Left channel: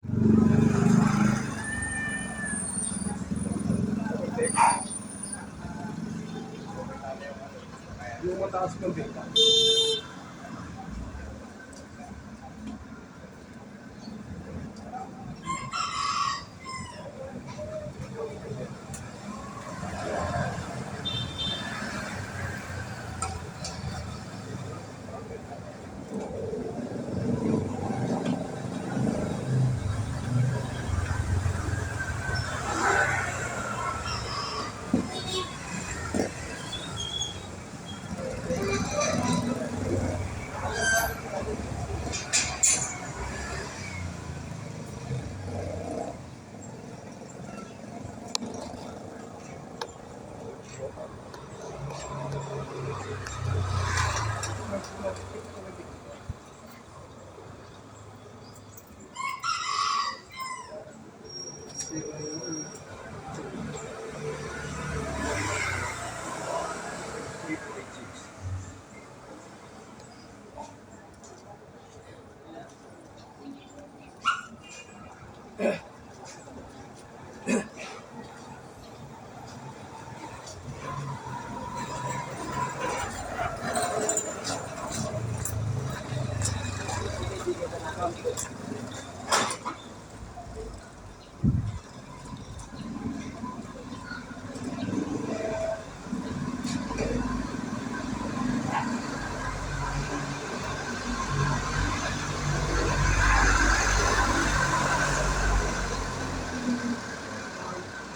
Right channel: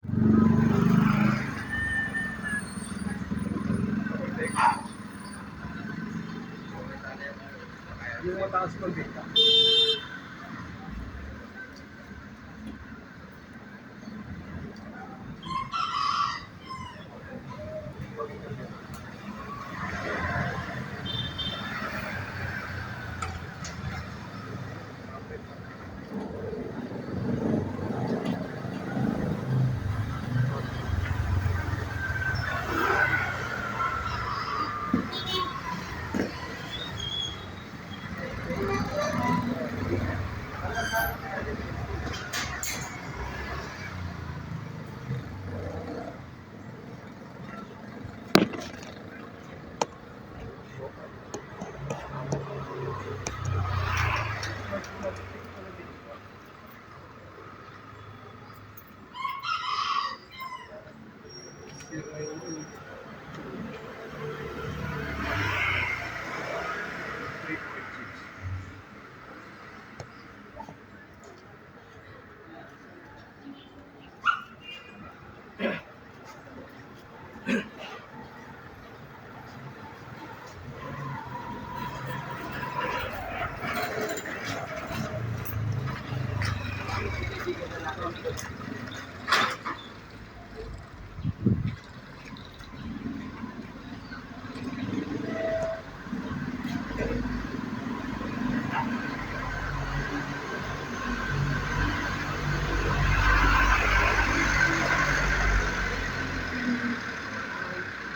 Yung mataas pang beta.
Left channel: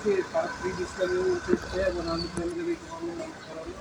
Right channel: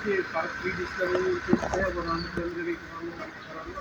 Kasi parang 3 days lang yung trip ko, 100 lang nilagay ko kami ng karano.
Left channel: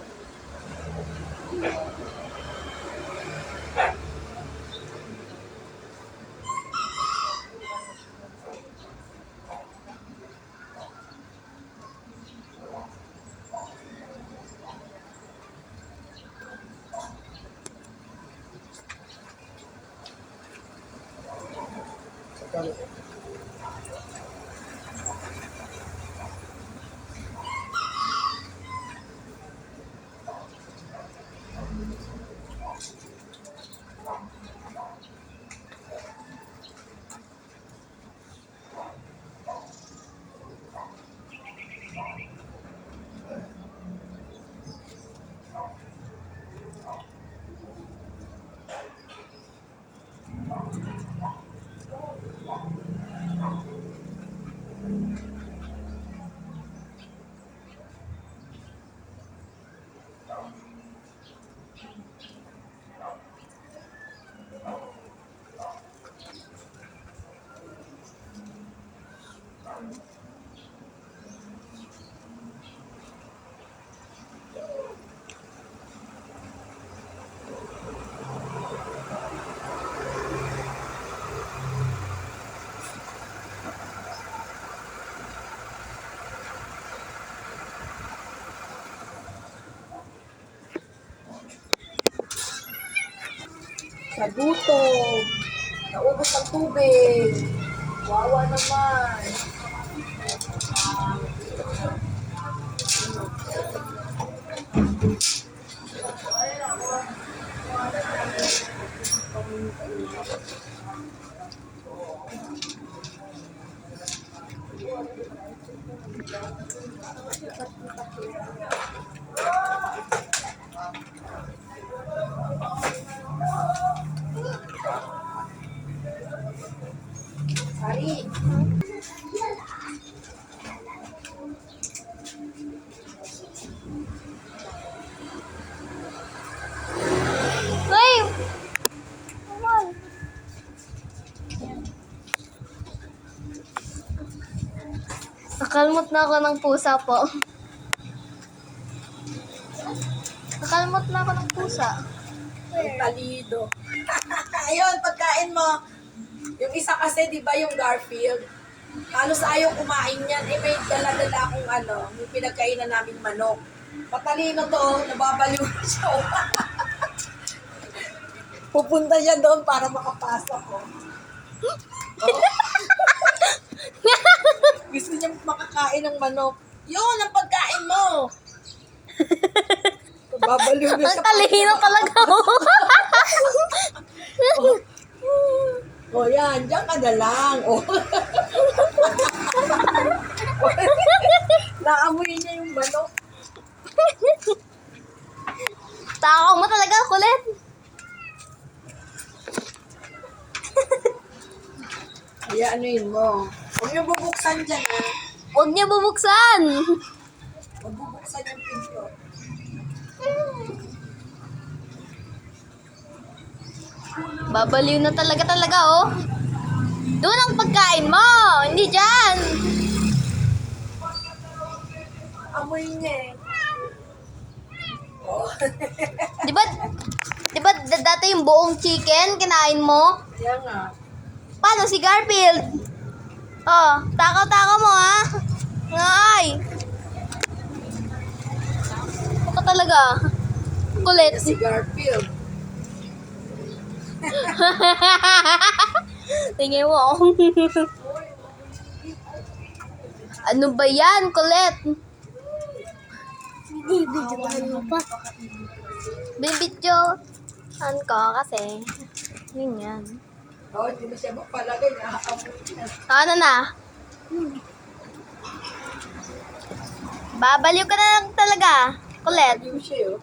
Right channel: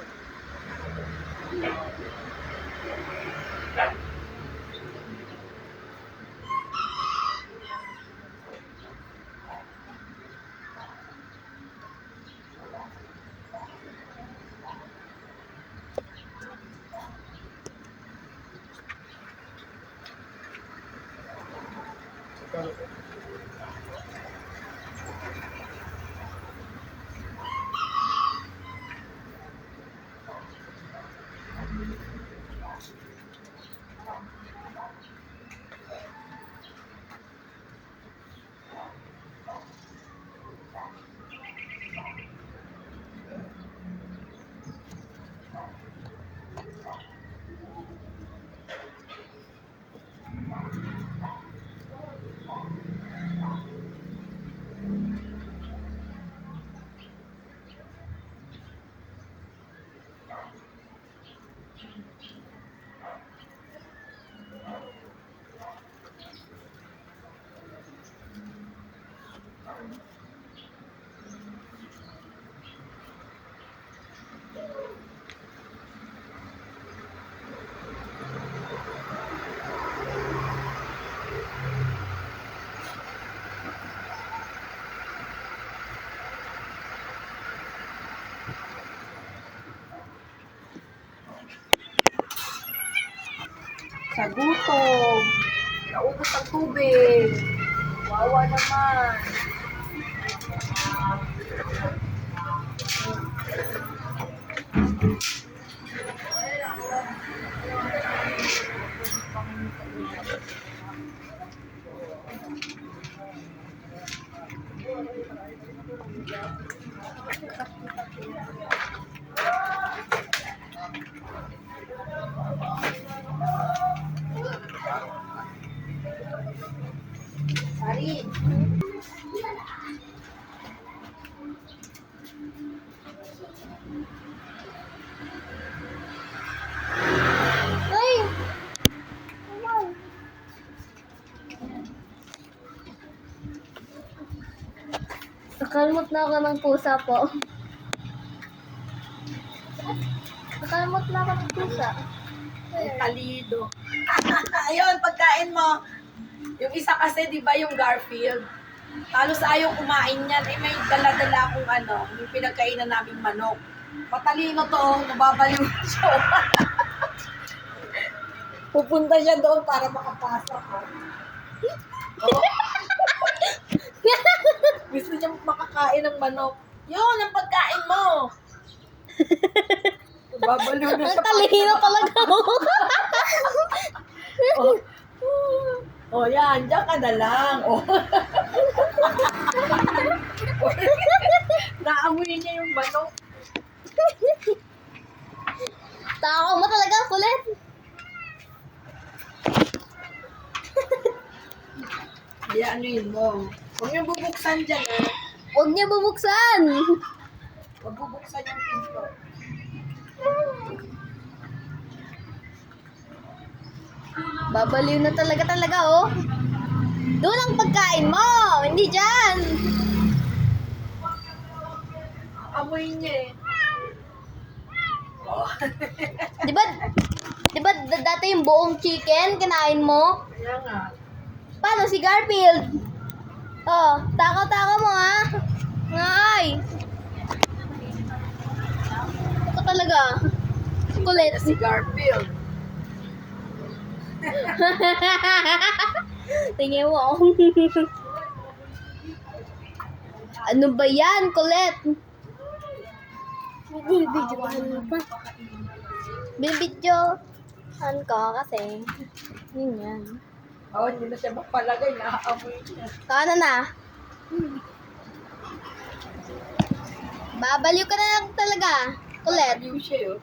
Sa gutom, naubos ang tubig. Wawa naman. Sari. Ay! Awan. Nakalmot na ako ng pusa po. Nakalmot na ako ng pusa. Ang talido. Ayun, pagkain mo. Yung isa kasi, di ba, yung Garfield. Halos ayaw kumain yan. Eh, may dala-dala akong yung pinagkainan naming manok. Patalino to, nababaliw siya. Pupunta siya doon para makapasok. Oh. Gusto niya makakain ng manok. Yun, ang pagkain mo. Babaliw na Ang siya. talino talaga ako. Oh. O yan, diyan ka na lang. O. Naamoy niya yung manok. Takaw mo talaga, kulit. Kaya ano yun mo? Huwag niyo bubuksan dyan, eh. Huwag niya bubuksan. Huwag bubuksan yung pinto. Babaliw na talaga, oh. Doon ang pagkain mo, hindi dyan. Amoy niya, eh. O. Di ba dati yung buong chicken, kinain mo? Kaya nga. Paano si Garfield? Oh, takaw-takaw mo, ha? Ngay. Ako talaga. Kulit. Si Garfield. Tingin mo ako. Ano ba yan, kulit? Bibidyohan mo pa. Bibidyohan ko kasi. Yun yan. O, hindi na siya magpalagay. Nakaamoy niya. Ano na? Babaliw ka na lang talaga. Kulit. Yung siya, oh.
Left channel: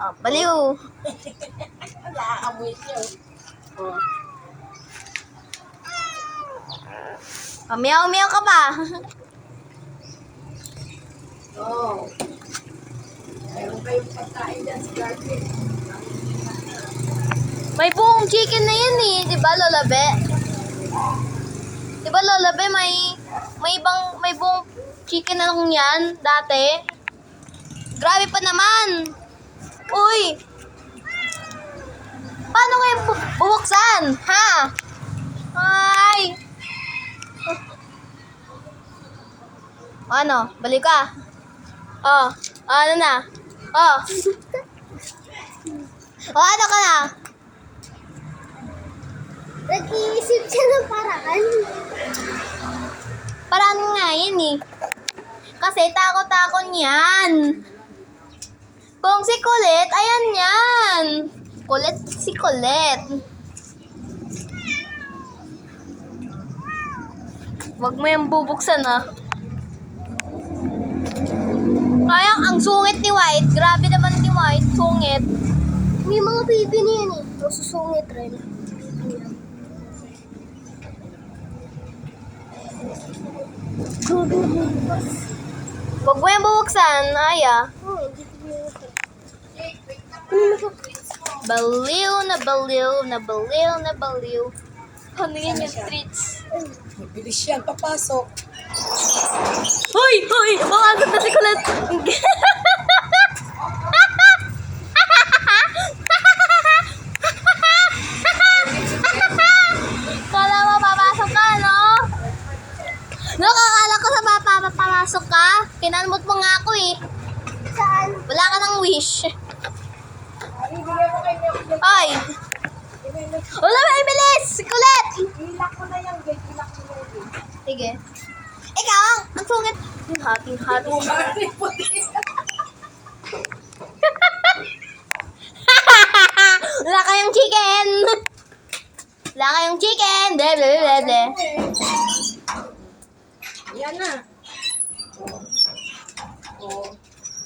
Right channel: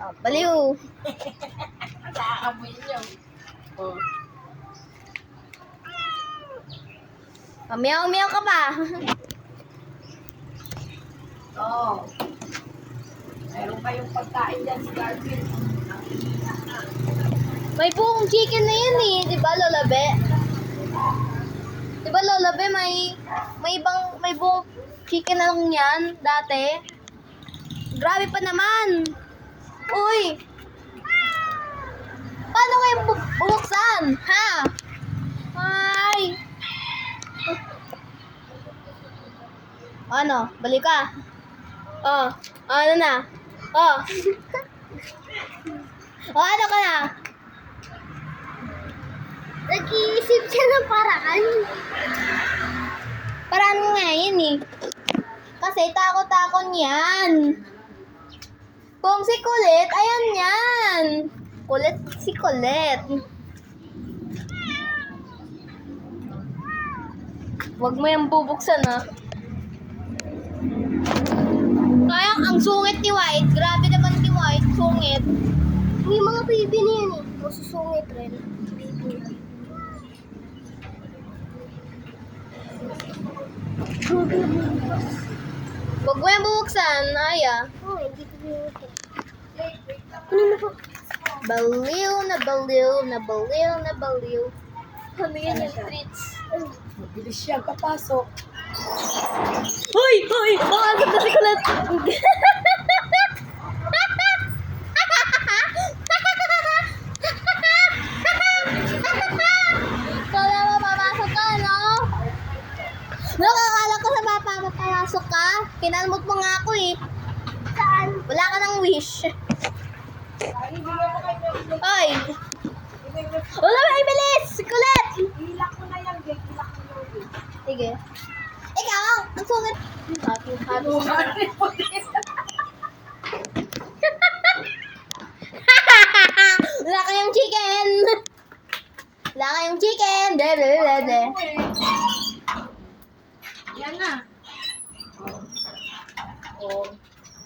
Oh, baliw. Nakaamoy niya, oh. Oh, meow-meow ka pa. Oh. Mayroon kayong pagkain dyan si Garfield. May buong chicken na yan eh. Di ba, Lola Be? Di ba, Lola Be, may buong chicken na lang yan dati? Grabe pa naman. Uy! Paano kayo bubuksan? Ha? Ay! Ano? Balik ka? Oh, ano na? Oh. Oh, ano ka na? Nag-iisip siya ng paraan. Paraan nga yan eh. Kasi takot-takot yan. Kung si Kulit, ayan yan. Kulit si Kulit. Huwag mo yung bubuksan ha. Kaya ang sungit ni White. Grabe naman ni White. Sungit. May mga baby na yan eh. Masusungit rin. Huwag mo yung bubuksan, Aya. Oo, hindi ko bubuksan. Baliw na baliw na baliw na baliw. Ano yan yung treats? Mabilis yan, papasok. Hoy! Hoy! Makagod na si Kulit! Kala mo papasok ka, no? Nakakala ko sa papasok ka. Kinalmot mo nga ako eh. Saan? Wala ka ng wish. Ay! Wala ba, bilis! Kulit! Ilak mo na yan, babe. Ilak mo na yan. Sige. Ikaw, ang sungit. Hati. Wala kayong chicken. Wala kayong chicken. De. Yan na. Oh.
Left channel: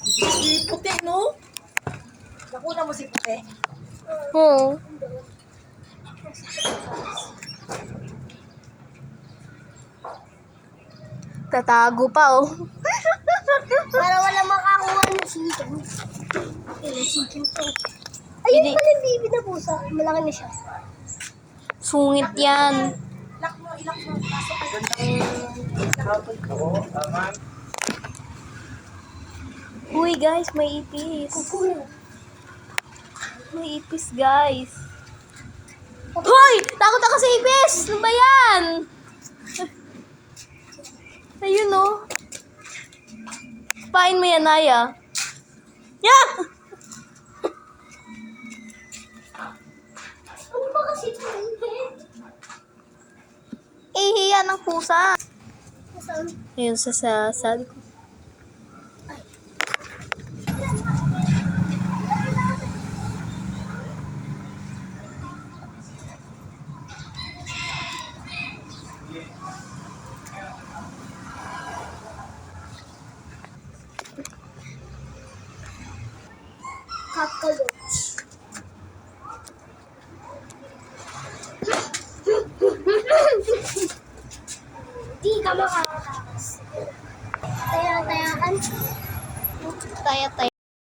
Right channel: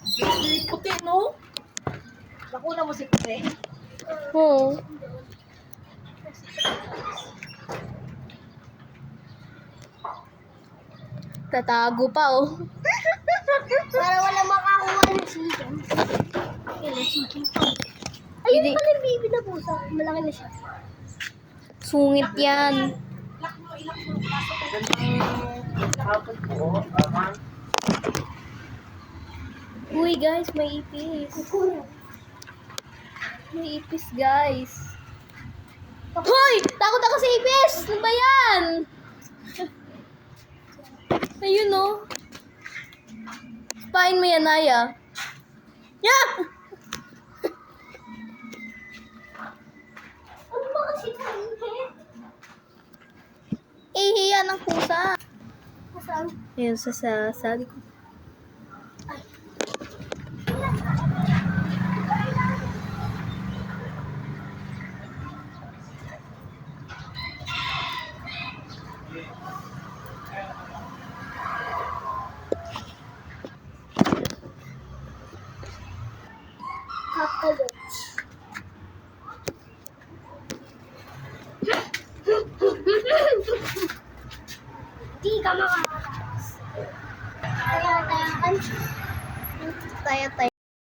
Si puti, no? Nakuna mo si puti? Oo. Tatago pa, oh. Para wala makakuha ng chicken. Ilang chicken po. Hindi. Ayun pala yung baby na pusa. Malaki na siya. Sungit yan. Ilak mo. Pasok ka. Uy, guys, may ipis. May ipis, guys. Hoy! Takot ako sa ipis! Ano ba yan? Ayun, oh. Pain mo yan, Naya. Yeah! Ano ba kasi ito? Ihiya ng pusa. Saan? Ayun, sa sabi ko. Cockroach. Di ka makakatakas. Taya-tayaan. Tayo, tayo.